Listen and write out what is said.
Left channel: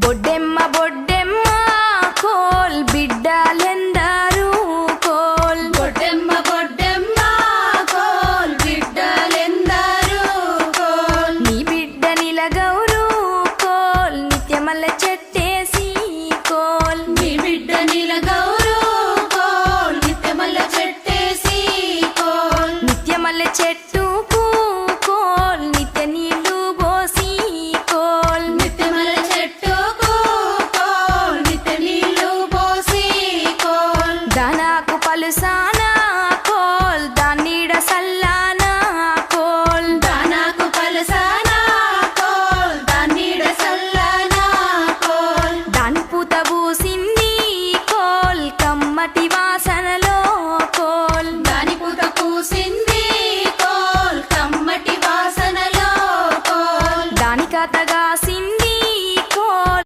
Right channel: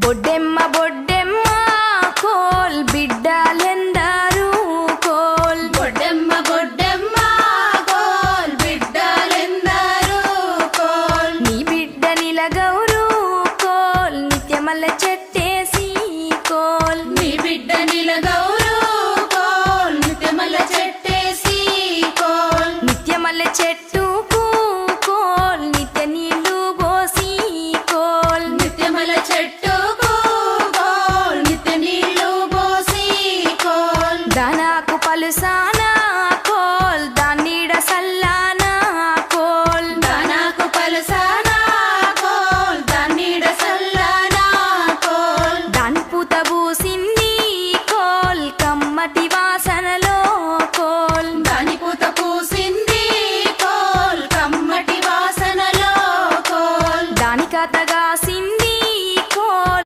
Boddemma Boddemma coal బిడ్డలెందరూ coal Boddemma Boddemma coal బిడ్డలెందరూ coal నీ బిడ్డ నిలగౌరు coal నిత్యమల్ల